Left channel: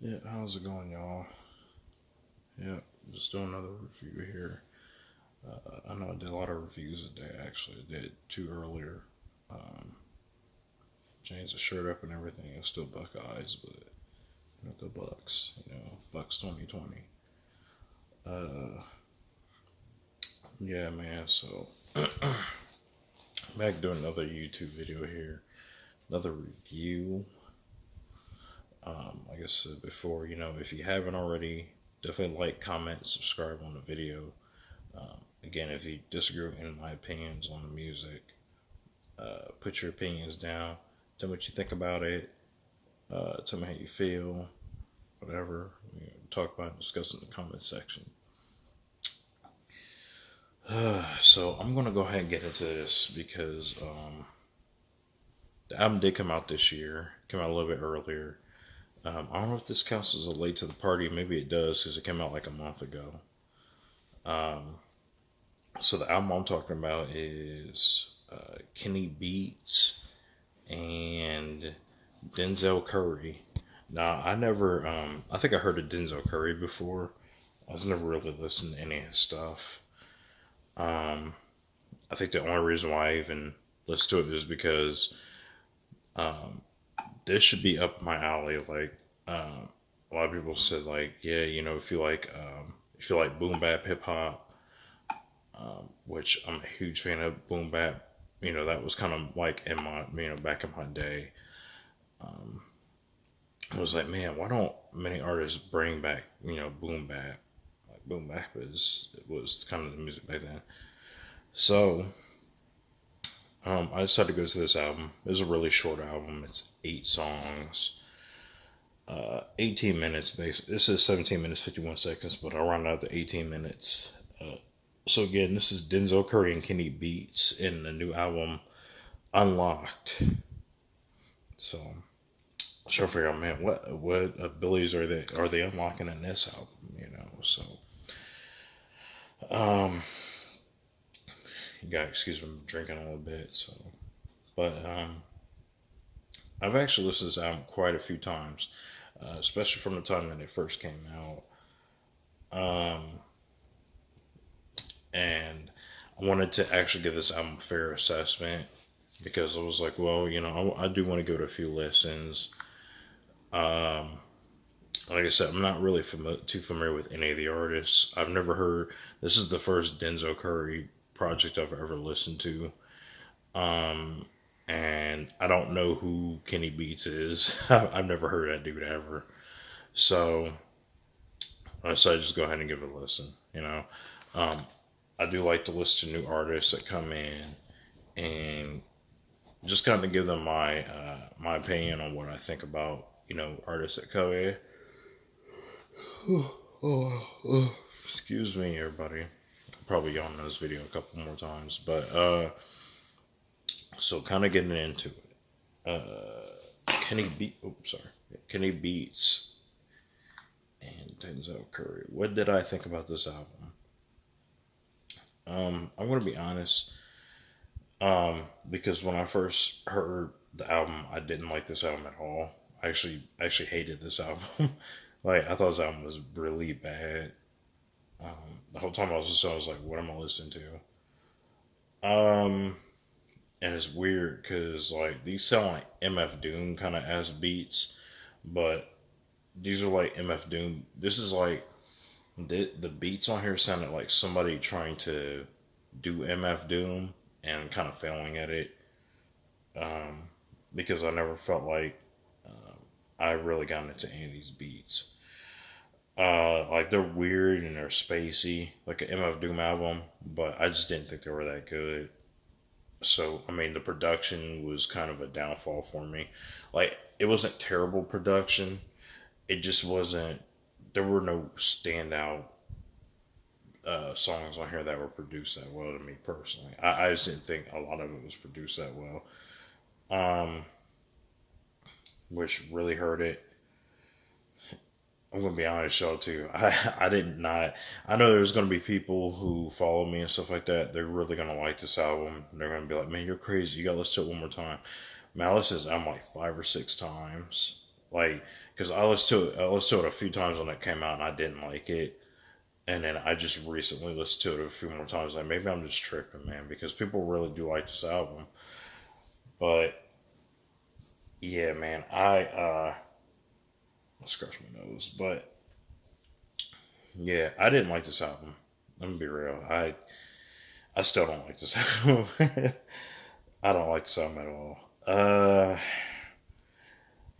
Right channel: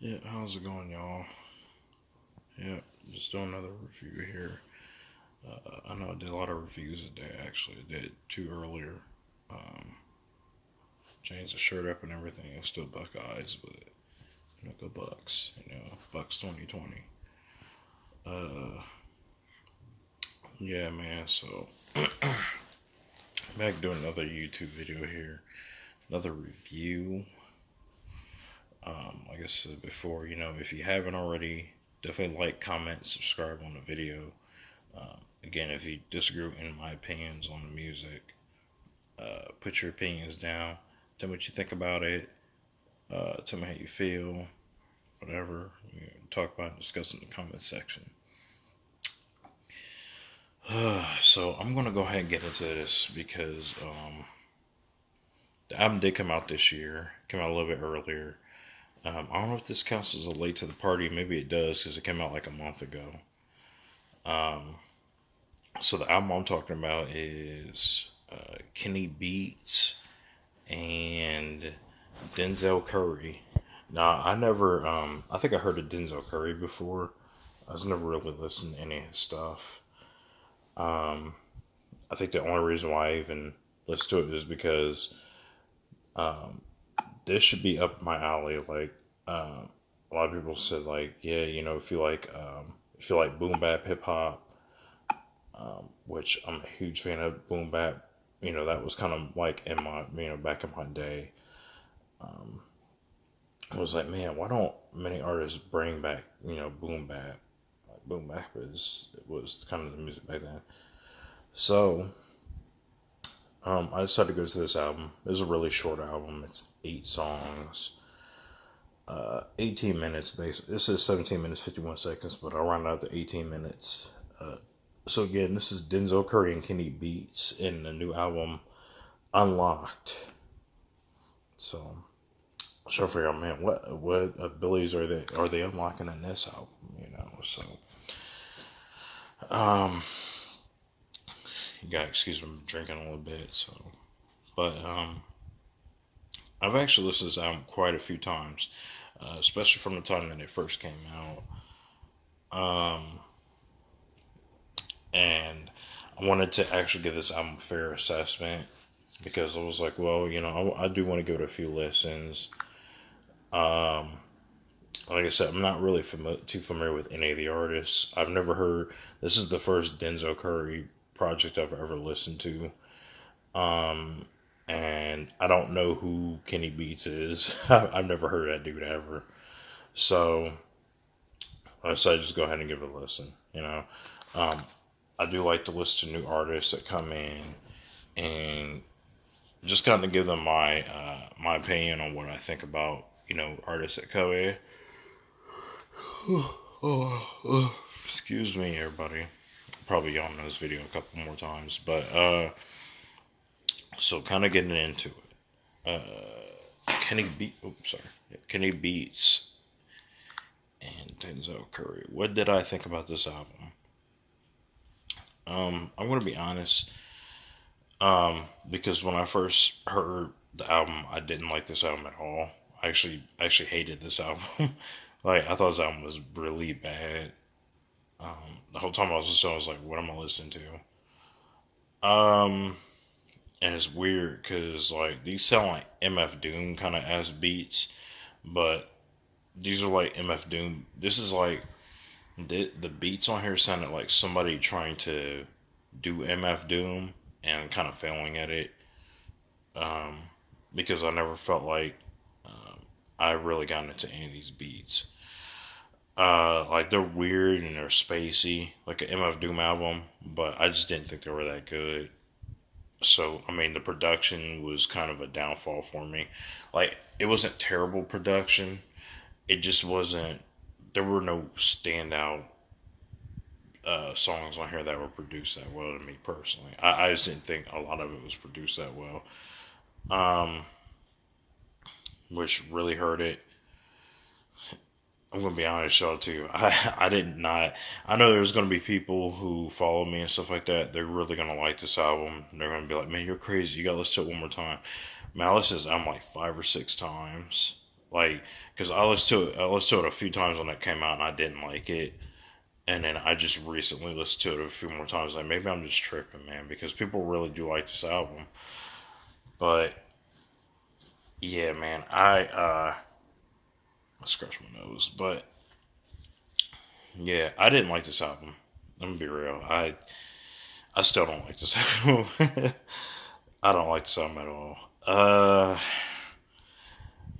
Yeah, how's it going, y'all? Yeah, just doing another review here. I know I did a lot of reviews today, actually. I did two earlier. Um, Changed the shirt up and everything. It's still Buckeyes, but go Bucks. Bucks 2020. Uh, yeah, man. So back doing another YouTube video here, another review. Like I said before, if you haven't already, definitely like, comment, subscribe on the video. Again, if you disagree in my opinions on the music, put your opinions down. Tell me what you think about it. Tell me how you feel. Whatever. Talk about and discuss in the comment section. So I'm gonna go ahead and get into this because the album did come out this year. Came out a little bit earlier. I don't know if this counts as a late to the party. Maybe it does because it came out like a month ago. Um, so the album I'm talking about is Kenny Beats and Denzel Curry. Now, I think I heard of Denzel Curry before. I was never really listened to any of his stuff. Um, I think the only reason why I even listened to it is because um, this should be up my alley. Like, a lot of people said, like, yeah, if you like boom bap hip hop, which I'm a huge fan of boom bap. That was kind of like in my, back in my day. Um, I was like, man, why don't many artists bring back, boom bap? Like boom bap it was kind of the music back then. So, I decided to go to this album. It was a really short album. It's 8 songs, 18 minutes. Basically, this is 17 minutes 51 seconds, but I'll round out to 18 minutes. So again, this is Denzel Curry and Kenny Beats in the new album Unlocked. So, trying to figure out, man, what abilities are they unlocking in this album? So um, you got to excuse me, I'm drinking a little bit. So, but I've actually listened to this album quite a few times, especially from the time that it first came out. Um, and I wanted to actually give this album a fair assessment because I was like, well, I do want to go to a few listens. Um, like I said, I'm not really too familiar with any of the artists. I've never heard. This is the first Denzel Curry project I've ever listened to. Um, and I don't know who Kenny Beats is. I've never heard that dude ever. So I decided to just go ahead and give it a listen. Um, I do like to listen to new artists that come in and just kind of give them my opinion on what I think about artists that come in. Excuse me, everybody. Probably yawned in this video a couple more times, but so kind of getting into it. Kenny Beats and Denzel Curry. What did I think about this album? I'm gonna be honest. Because when I first heard the album, I didn't like this album at all. I actually hated this album. Like, I thought this album was really bad. The whole time I was listening, I was like, "What am I listening to?" And it's weird because like these sound like MF Doom kind of ass beats, but these are like MF Doom. This is like the beats on here sounded like somebody trying to do MF Doom and kind of failing at it. Um, because I never felt like I really got into any of these beats. Like, they're weird and they're spacey, like an MF Doom album, but I just didn't think they were that good. So, I mean, the production was kind of a downfall for me. Like, it wasn't terrible production. It just wasn't. There were no standout songs on here that were produced that well to me personally. I just didn't think a lot of it was produced that well, um, which really hurt it. I'm gonna be honest, y'all too. I did not. I know there's gonna be people who follow me and stuff like that. They're really gonna like this album. They're gonna be like, "Man, you're crazy. You gotta listen to it one more time." Man, I listened to this album like 5 or 6 times. Like, because I listened to it a few times when it came out and I didn't like it, and then I just recently listened to it a few more times. Like maybe I'm just tripping, man, because people really do like this album. But yeah, man, I scratch my nose, but yeah, I didn't like this album. I'm gonna be real. I still don't like this album. I don't like this album at all.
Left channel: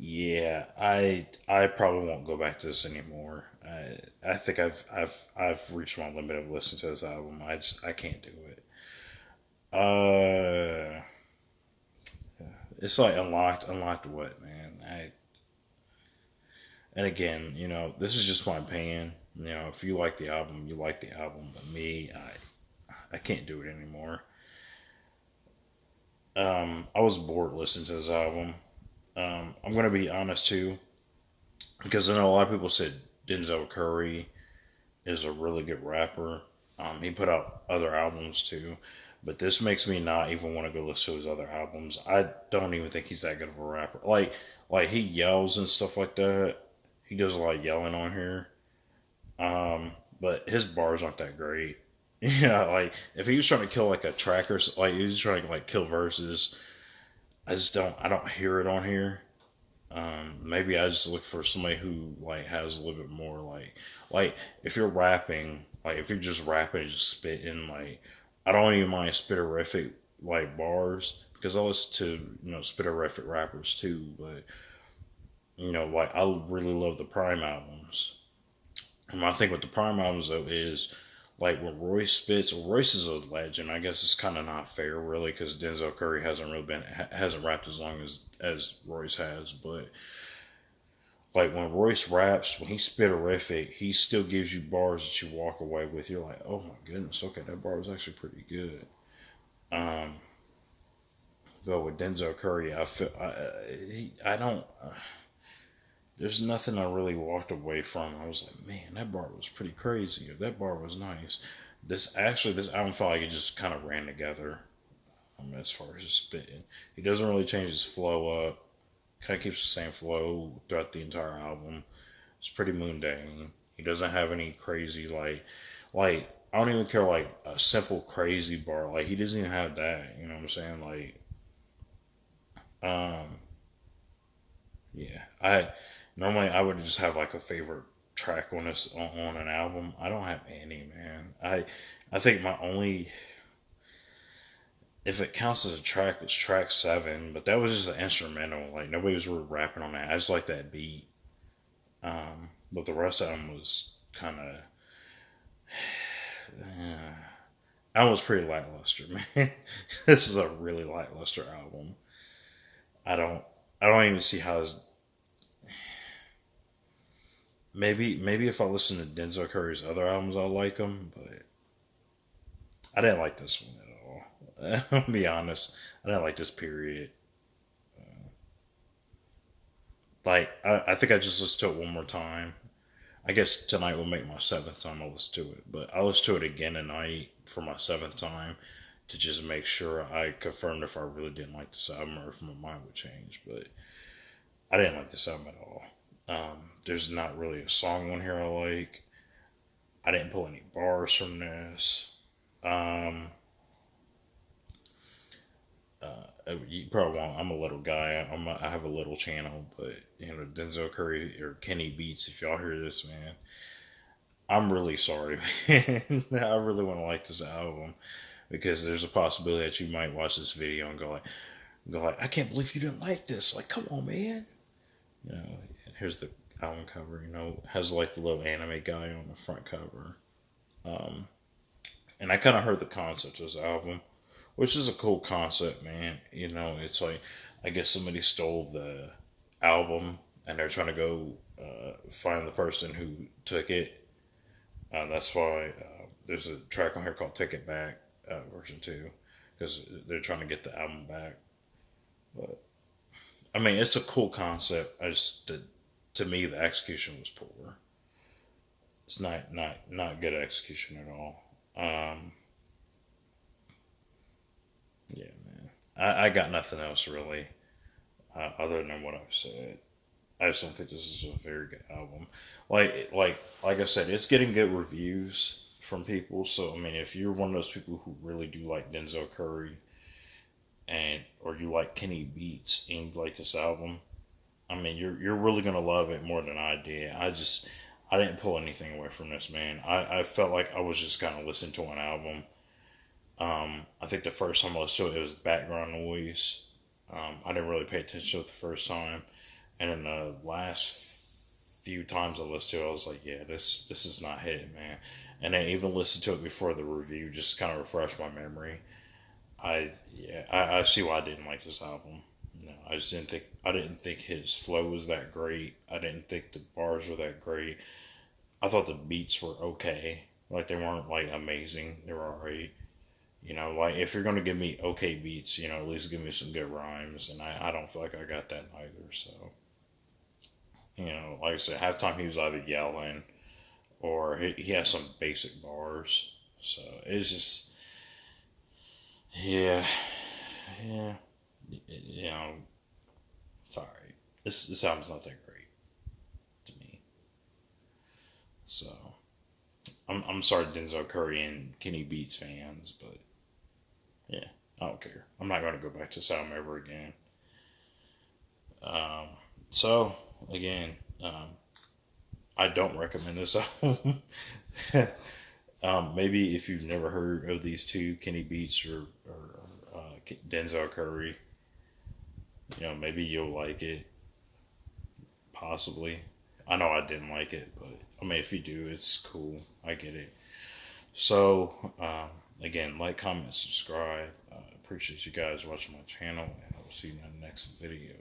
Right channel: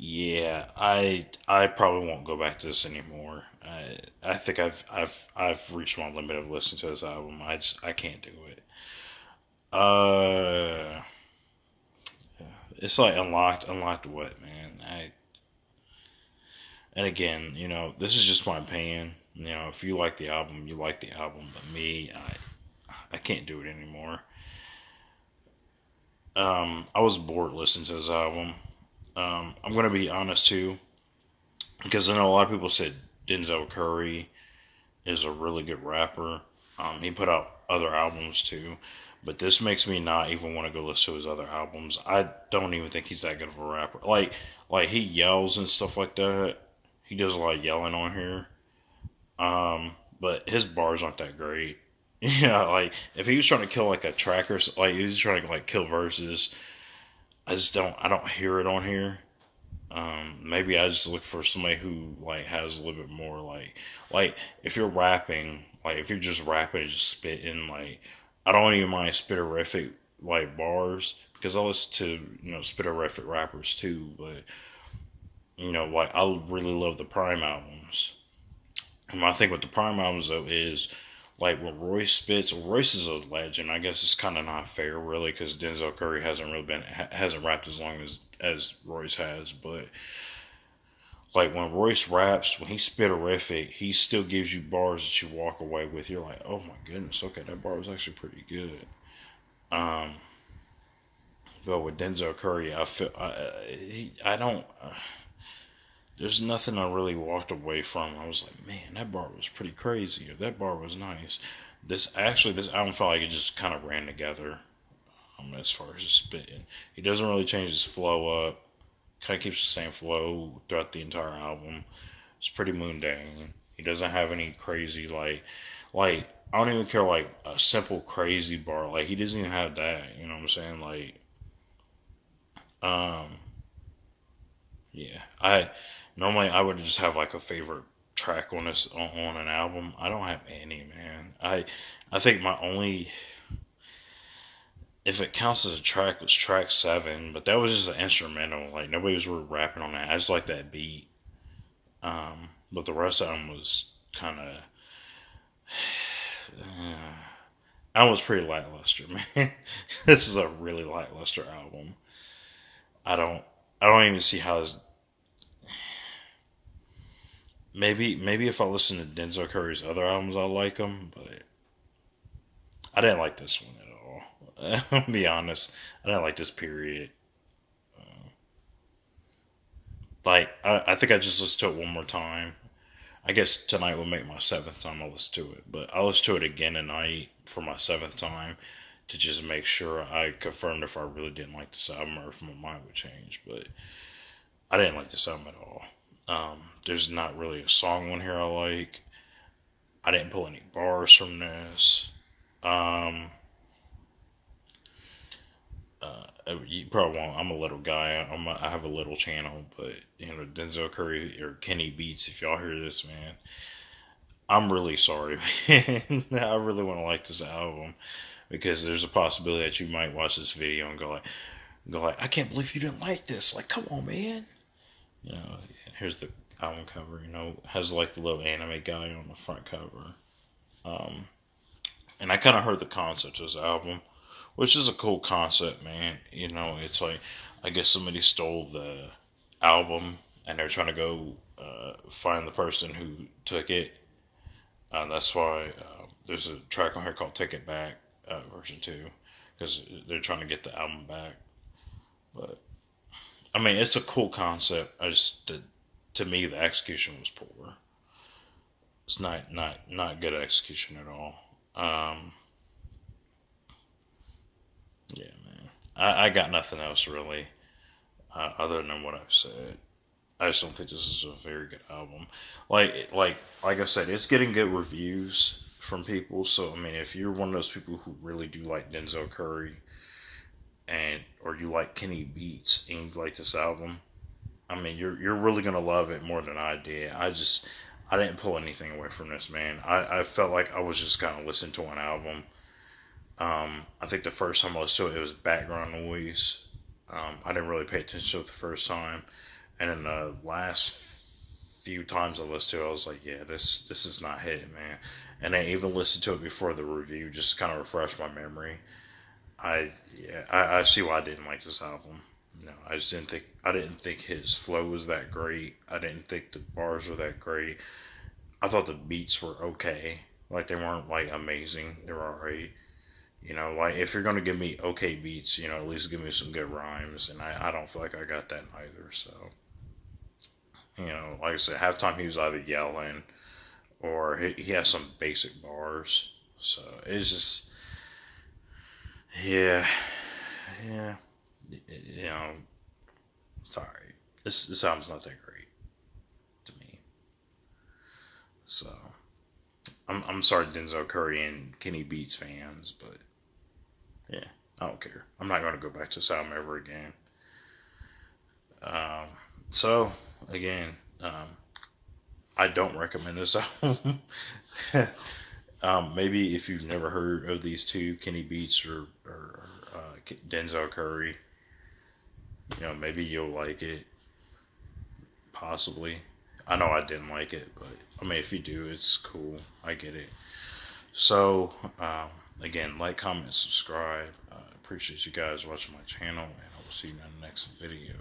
Yeah, I probably won't go back to this anymore. I think I've reached my limit of listening to this album. I can't do it. Uh, it's like unlocked what, man? I And again, this is just my opinion. If you like the album, you like the album. But me, I can't do it anymore. I was bored listening to this album. I'm gonna be honest too, because I know a lot of people said Denzel Curry is a really good rapper. He put out other albums too, but this makes me not even want to go listen to his other albums. I don't even think he's that good of a rapper. Like he yells and stuff like that. He does a lot of yelling on here. But his bars aren't that great. Yeah, like if he was trying to kill like a track or like he was trying to like kill verses, I don't hear it on here. Maybe I just look for somebody who like has a little bit more like if you're rapping, like if you're just rapping and just spitting, like I don't even mind spitterific like bars because I listen to spitterific rappers too, but like I really love the Prime albums. And my thing with the Prime albums though is like when Royce spits. Royce is a legend. I guess it's kind of not fair really because Denzel Curry hasn't rapped as long as Royce has, but like when Royce raps, when he's spitterific, he still gives you bars that you walk away with. You're like, oh my goodness, okay, that bar was actually pretty good. Um, but with Denzel Curry, I don't. There's nothing I really walked away from. I was like, man, that bar was pretty crazy. Or that bar was nice. This album felt like it just kind of ran together. As far as his spitting, he doesn't really change his flow up. Kind of keeps the same flow throughout the entire album. It's pretty mundane. He doesn't have any crazy like I don't even care like a simple crazy bar. Like he doesn't even have that. You know what I'm saying? Um, yeah. I normally I would just have like a favorite track on an album. I don't have any, man. I think my only, if it counts as a track, was track 7, but that was just an instrumental. Like nobody was really rapping on that. I just like that beat. But the rest of them was kind of, I was pretty lackluster, man. This is a really lackluster album. I don't, I don't even see how this. Maybe if I listen to Denzel Curry's other albums, I'll like them, but I didn't like this one at all. I'll be honest, I didn't like this period. I think I just listened to it one more time. I guess tonight will make my 7th time I listen to it, but I'll listen to it again tonight for my 7th time to just make sure I confirmed if I really didn't like this album or if my mind would change. But I didn't like this album at all. There's not really a song on here I like. I didn't pull any bars from this. Um, you probably won't. I'm a little guy. I have a little channel, but Denzel Curry or Kenny Beats. If y'all hear this, man, I'm really sorry, man. I really want to like this album because there's a possibility that you might watch this video and go like, I can't believe you didn't like this. Like, come on, man. Here's the album cover. Has like the little anime guy on the front cover. Um, and I kind of heard the concept of this album, which is a cool concept, man. It's like I guess somebody stole the album and they're trying to go find the person who took it. That's why there's a track on here called "Take It Back" version 2 because they're trying to get the album back. But I mean, it's a cool concept. To me, the execution was poor. It's not good execution at all. Yeah, man. I got nothing else really other than what I've said. I just don't think this is a very good album. Like I said, it's getting good reviews from people. So I mean, if you're one of those people who really do like Denzel Curry, and or you like Kenny Beats and you like this album, I mean, you're really gonna love it more than I did. I didn't pull anything away from this, man. I felt like I was just kind of listening to an album. I think the first time I listened to it, it was background noise. I didn't really pay attention to it the first time, and then the last few times I listened to it, I was like, yeah, this is not hitting, man. And I even listened to it before the review, just to kind of refresh my memory. I see why I didn't like this album. No, I didn't think his flow was that great. I didn't think the bars were that great. I thought the beats were okay. Like they weren't like amazing. They were alright. You know, like if you're gonna give me okay beats, you know, at least give me some good rhymes. And I don't feel like I got that either. So, you know, like I said, halftime he was either yelling or he has some basic bars. So it's just, yeah, yeah, you know, sorry. This album's not that great to me. So I'm sorry, Denzel Curry and Kenny Beats fans, but yeah, I don't care. I'm not going to go back to this album ever again. Um, so again, I don't recommend this album. Maybe if you've never heard of these two, Kenny Beats or Denzel Curry, you know, maybe you'll like it. Possibly. I know I didn't like it, but I mean, if you do, it's cool. I get it. So, again, like, comment, subscribe. Appreciate you guys watching my channel, and I will see you in the next video.